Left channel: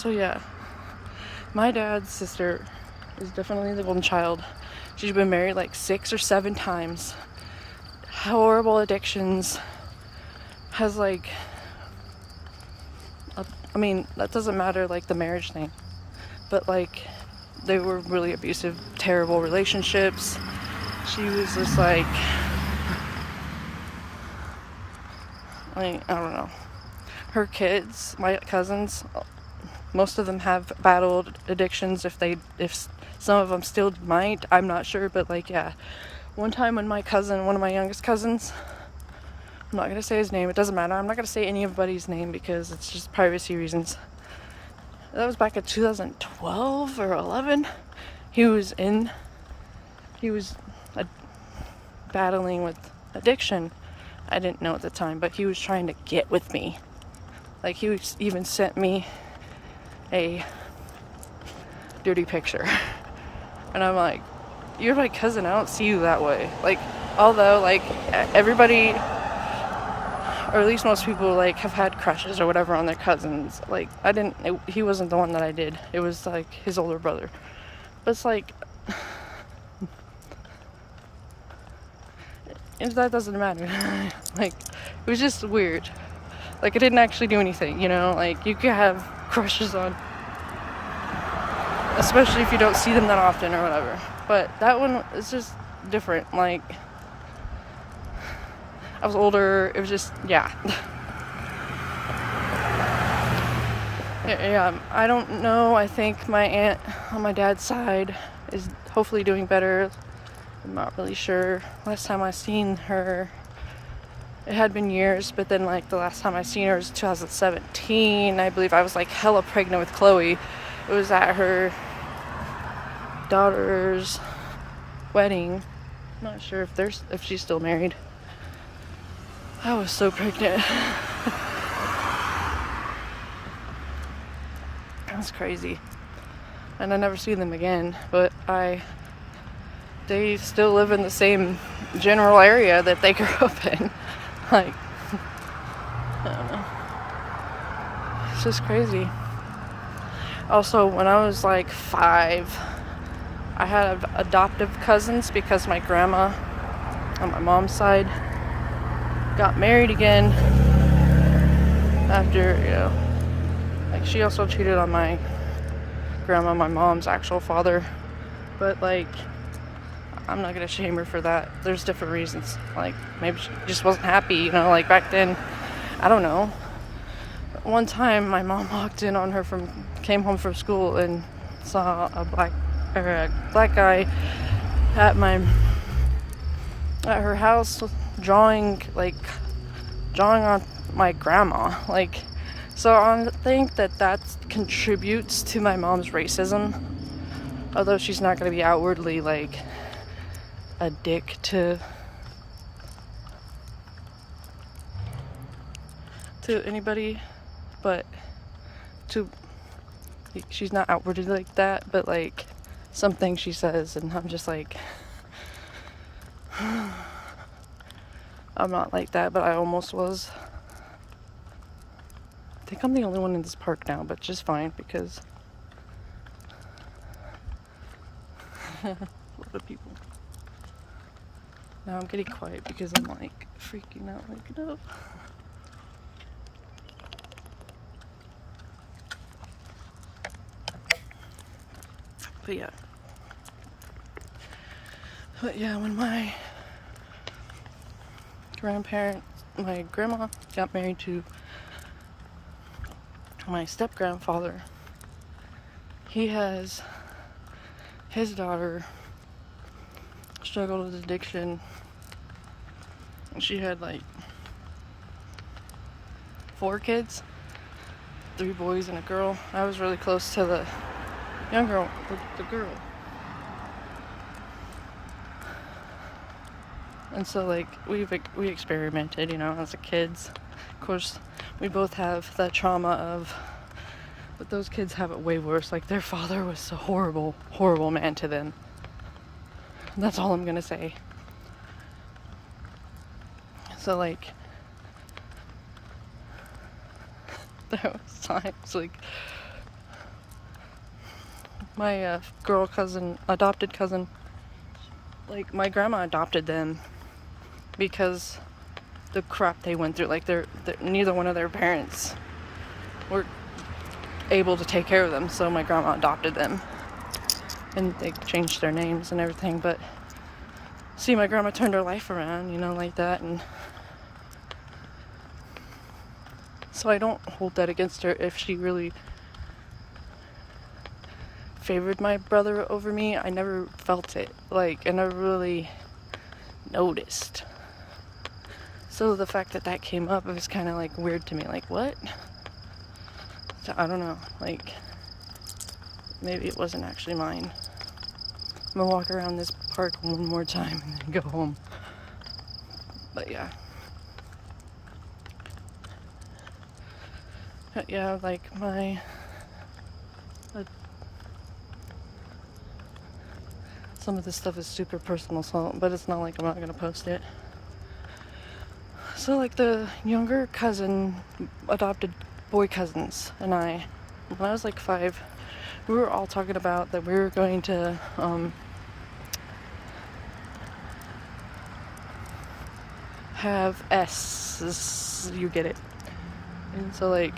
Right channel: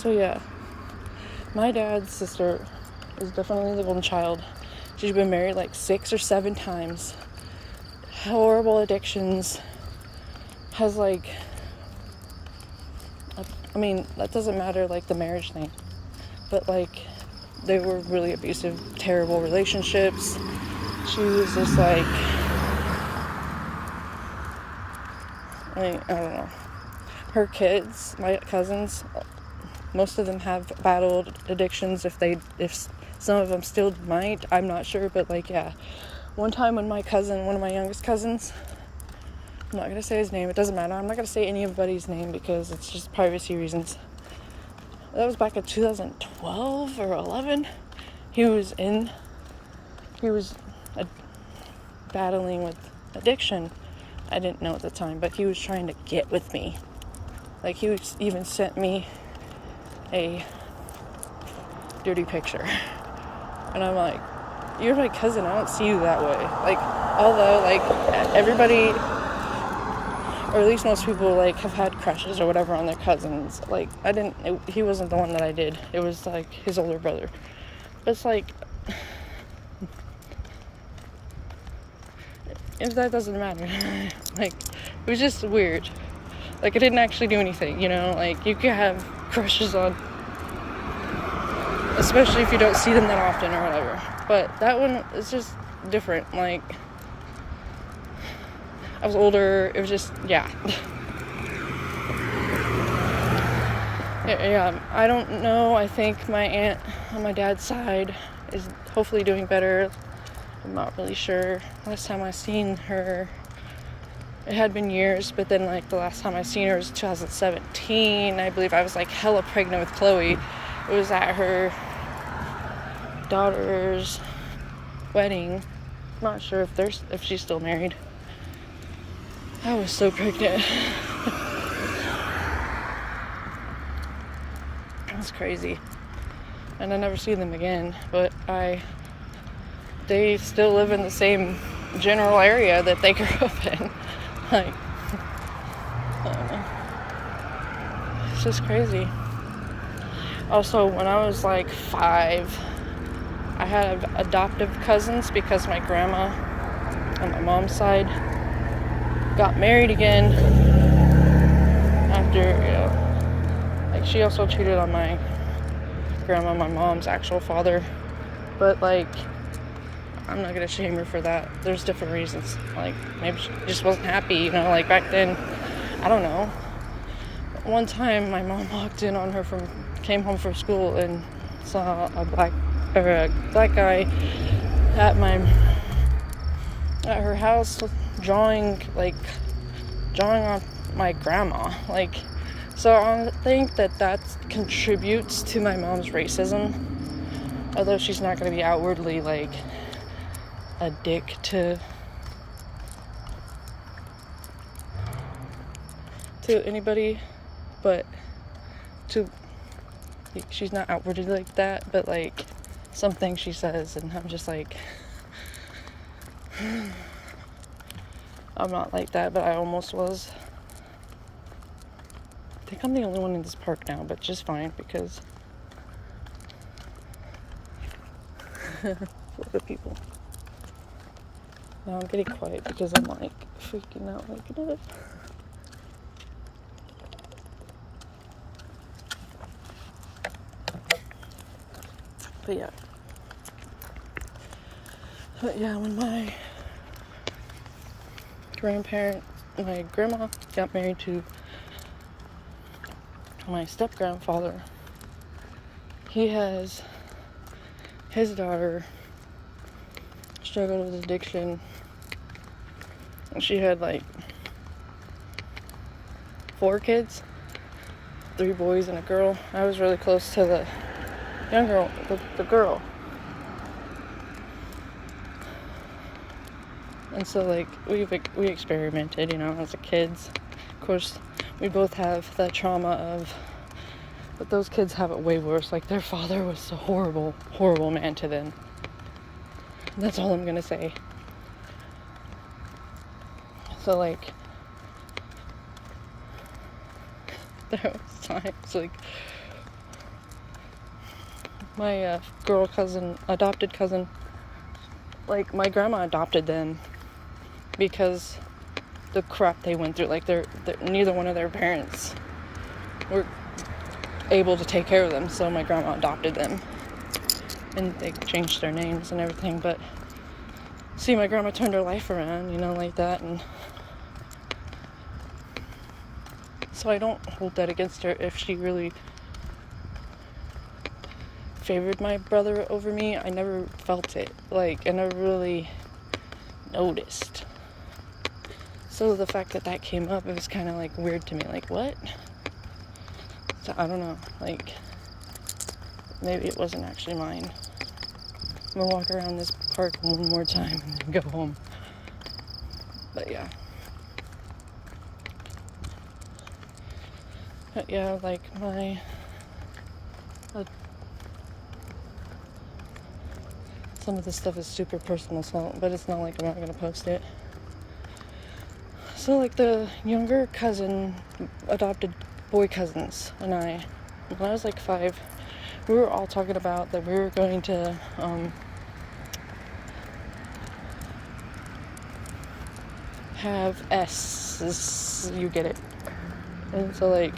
So yeah, my dad's sister is definitely the golden child. She's been married like 6 or 7 times. Horrible addictions. Has like, I mean, that doesn't matter, like the marriage thing, but like they were really abusive, terrible relationships. She was just like I don't know. Her kids, my cousins, most of them have battled addictions. If some of them still might, I'm not sure, but like, yeah. One time when one of my youngest cousins, I'm not gonna say his name, it doesn't matter, I'm not gonna say anybody's name because it's just privacy reasons. That was back in 2012 or 11. He was battling with addiction. I didn't know at the time, but he was trying to get with me. Like, he even sent me a dirty picture. And I'm like, you're my cousin, I don't see you that way. Like, although, like, everybody, or at least most people, like, have had crushes or whatever on their cousins. Like, he wasn't the one that I did. It was, like, his older brother. But it's like, that doesn't matter. Like, it was just weird. Like, it didn't actually do anything, you know? Like, you can have crushes on, especially if you don't see them that often or whatever. But that one is just different. Like, I was older. It was just, yeah. Yeah, I don't know. I think my aunt on my dad's side is hopefully doing better. I'm not really sure. Last time I seen her, it had been years, but then like the last time I seen her was 2017. I believe I was like hella pregnant with Chloe. It was at her daughter's wedding. I'm not sure if she's still married. I was so pregnant. That's crazy. And I never see them again, but they still live in the same general area that they grew up in. Like, I don't know. It's just crazy. Also, when I was like 5, I had adoptive cousins because my grandma on my mom's side got married again after, like, she also cheated on my grandma, my mom's actual father. But like, I'm not gonna shame her for that. There's different reasons. Like, maybe she just wasn't happy, you know, like back then. I don't know. One time my mom walked in on her came home from school and saw a black guy at her house drawing on my grandma. Like, so I think that contributes to my mom's racism. Although she's not going to be outwardly like a dick to anybody, but she's not outwardly like that, but like some things she says, and I'm just like, I'm not like that, but I almost was. I think I'm the only one in this park now, but just fine, because a lot of people. Now I'm getting quiet because I'm like freaking out, waking up. But yeah, when my grandma got married to my step-grandfather, he has his daughter struggled with addiction. She had like 4 kids, 3 boys and a girl. I was really close to the younger, the girl. And so like we experimented, you know, as a kids. Of course, we both have the trauma of, but those kids have it way worse. Like, their father was a horrible, horrible man to them. And that's all I'm gonna say. So like, there was times like my girl cousin, adopted cousin, like, my grandma adopted them because the crap they went through. Like, they're neither one of their parents were able to take care of them, so my grandma adopted them, and they changed their names and everything. But see, my grandma turned her life around, like that, and so I don't hold that against her. If she really favored my brother over me, I never felt it. Like, I never really noticed. So the fact that came up, it was kind of like weird to me. Like, what? So I don't know. Like, maybe it wasn't actually mine. I'm gonna walk around this park one more time and then go home. But yeah. But yeah, like some of this stuff is super personal, so, but it's not like I'm not gonna post it. So, like, the younger cousin, adopted boy cousins, and I, when I was like 5, we were all talking about that we were going to have S's, you get it. And so, like,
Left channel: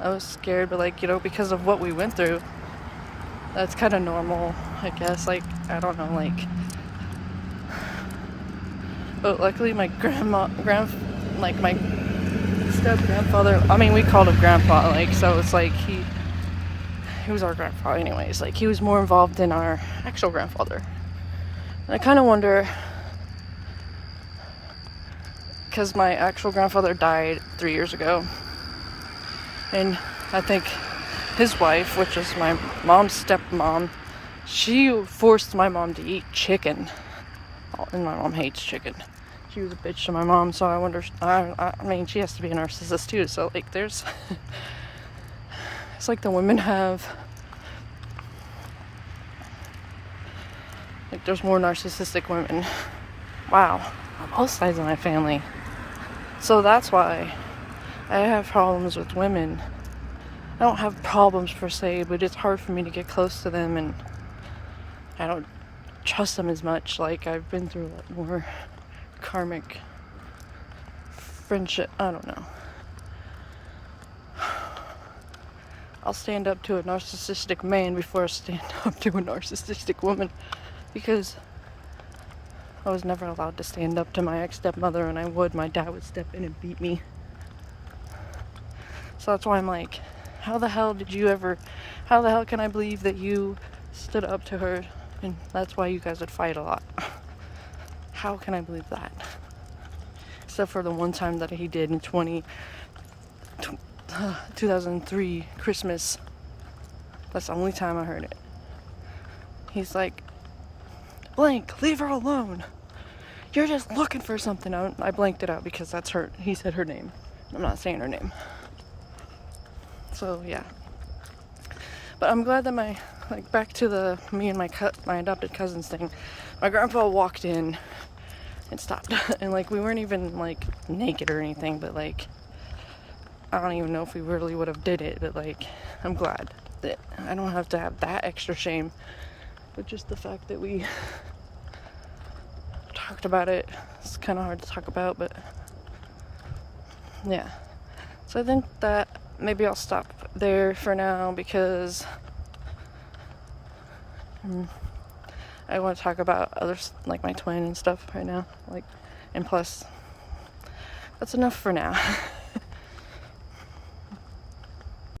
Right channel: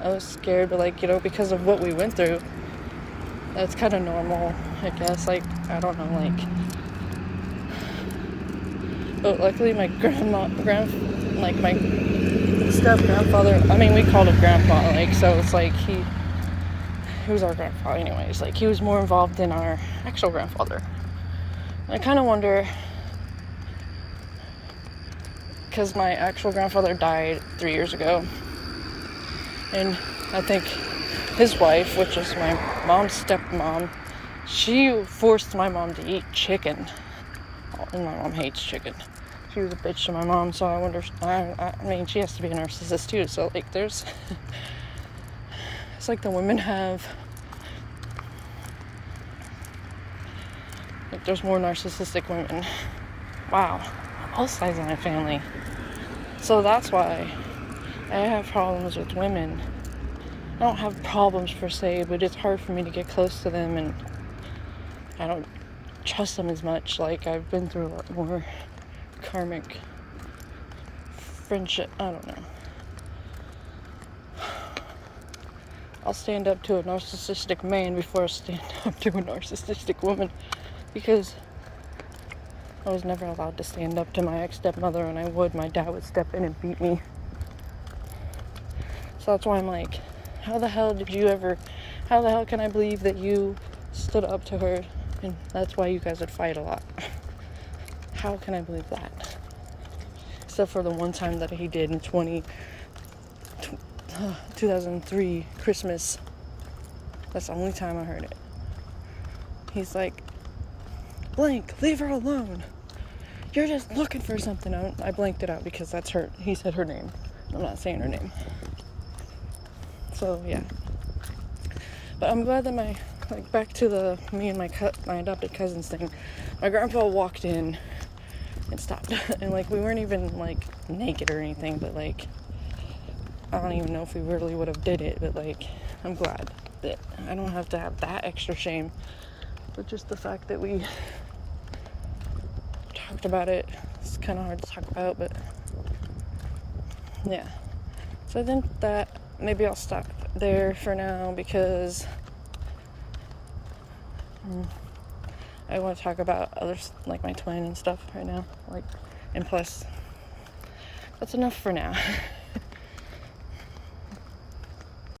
I was scared, but, like, because of what we went through, that's kind of normal, I guess. Like, I don't know, like, but luckily my my step-grandfather, I mean, we called him grandpa, like, so it's like, he was our grandpa anyways. Like, he was more involved than our actual grandfather. And I kind of wonder, because my actual grandfather died 3 years ago, and I think his wife, which is my mom's stepmom, she forced my mom to eat chicken, and my mom hates chicken. She was a bitch to my mom, so I wonder, I mean, she has to be a narcissist too, so, like, there's, it's like the women have, like, there's more narcissistic women. Wow. Both sides of my family. So that's why I have problems with women. I don't have problems per se, but it's hard for me to get close to them, and I don't trust them as much. Like, I've been through a lot more karmic friendship. I don't know. I'll stand up to a narcissistic man before I stand up to a narcissistic woman, because I was never allowed to stand up to my ex-stepmother, and my dad would step in and beat me. So that's why I'm like, how the hell can I believe that you stood up to her, and that's why you guys would fight a lot? How can I believe that? Except for the one time that he did in 2003 Christmas. That's the only time I heard it. He's like, blank, leave her alone. You're just looking for something. I blanked it out because that's her. He said her name. I'm not saying her name. So yeah. But I'm glad that back to me and my adopted cousins thing. My grandpa walked in and stopped, and like, we weren't even like naked or anything, but like, I don't even know if we really would have did it, but like, I'm glad that I don't have to have that extra shame. But just the fact that we talked about it, it's kind of hard to talk about, but yeah. So I think that maybe I'll stop there for now, because I want to talk about others, like my twin and stuff right now. Like, and plus, that's enough for now.